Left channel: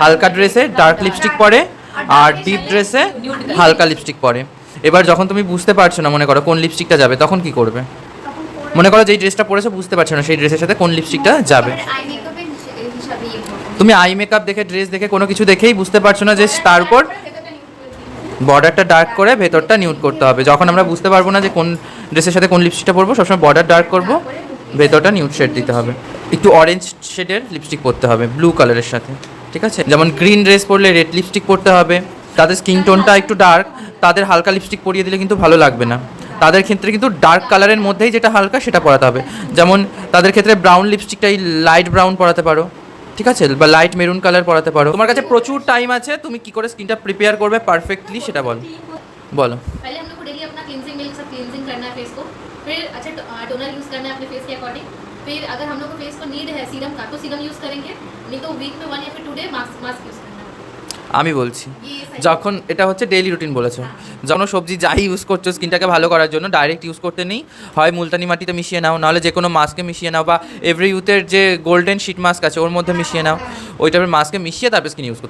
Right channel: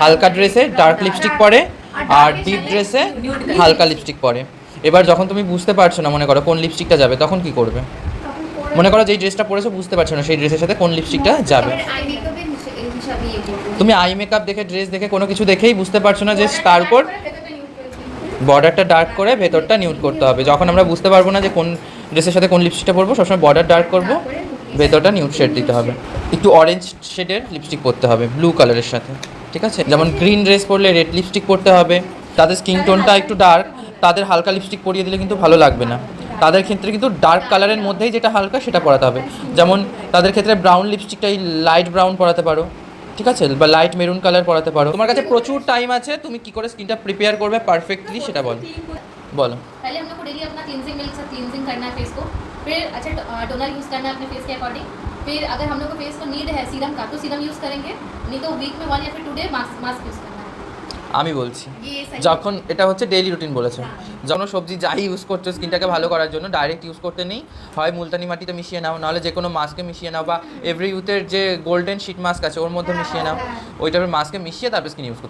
হালকা ড্রেসে dark lipstick পরে আর ডিপ ড্রেসে হালকা লিপস্টিক পরে। এবার যখন তুমি বুঝতে পারছো না মনে করো কোন লিপস্টিকটা যাবে, তখন কি করবে? মনে করো যেই ড্রেসটা পরেছো বুঝতে পারছো না সেই ড্রেসের সাথে কোন লিপস্টিকটা যাবে। তুমি আই মেকআপ দেখে, ড্রেস দেখে, কোনো কিছু দেখেই বুঝতে পারছো না যে তার উপর বর্ডারটা ডার্ক করে ভেতরটা নিউড করতে হবে। যখন আমরা বুঝতে পারবো না যে কোন ড্রেসের সাথে কোন লিপস্টিকটা পরবো, সবসময় বর্ডার ডার্ক করবো, ভেতরটা নিউড শেড দিতে হবে। একটু অরেঞ্জ শেডের লিপস্টিক পরতে হবে ব্লু কালারের সাথে, ঠিক আছে? যেমন গ্রিন ড্রেস পরলে রেড লিপস্টিক পরতে হবে। তাদের স্কিন টোনটা একটু ডার্ক, তাদের হালকা লিপস্টিক পরিয়ে দিলে কিন্তু ভালো লাগবে না। তাদের ক্ষেত্রে কিন্তু ডার্ক কালারের মধ্যেই যেটা হালকা সেটা পরাতে হবে। যেমন তাদের ক্ষেত্রে ব্রাউন লিপস্টিকটাই লাইট ব্রাউন পরাতে পারো, ঠিক আছে? বা লাইট মেরুন কালার পরাতে পারো। তোমার কাছে প্রচুর টাইম আছে, তুমি কি করে স্কিনটা প্রিপেয়ার করবে পারফেক্টলি সেটা বলো। বলো। पहले हम लोग को डेली अपना क्लींजिंग मिल्क से क्लींजिंग करना है फेस को, फिर अच्छा टोनर यूज़ करना है अपने फेस के अकॉर्डिंग। फिर अगर हम लोग को फेस को नीड है सीरम का तो सीरम यूज़ करेंगे, नहीं तो वीक में 1 या फिर 2 डे मास्क यूज़ करना है। আমি বলছি, যখন এটা হচ্ছে ডেইলি রুটিন বলেছো, যখন সবজি যাই ইউজ করছো স্কিনটাকে ভালো করার জন্য ডাইরেক্ট ইউজ করতে নেই, হয় মুলতানি মাটিতে মিশিয়ে নাও, নাহলে যে কোনো মাস্কে মিশিয়ে নাও, বা এভরি ইউথের যে গোল্ডেন শিট মাস্ক আছে ওর মধ্যে মিশিয়ে নাও, ওই টাইপের মাস্কে মিশিয়ে তারপর স্কিন ইউজ করতে